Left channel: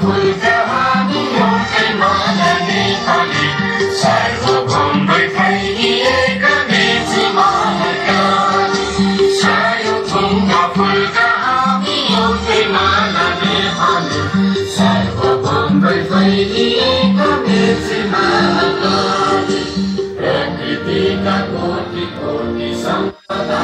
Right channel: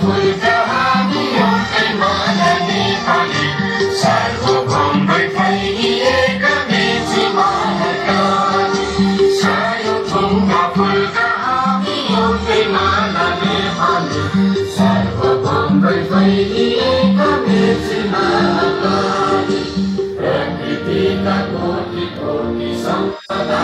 फुलका हामी एउटै मन नेपाली सर्वभौमै फैलिएका मेची महाकाली सानो ढुङ्गा फुलका हामी एउटै मन नेपाली सर्वभौमै फैलिएका मेची महाकाली प्रकृतिका कोटि कोटि सम्पदा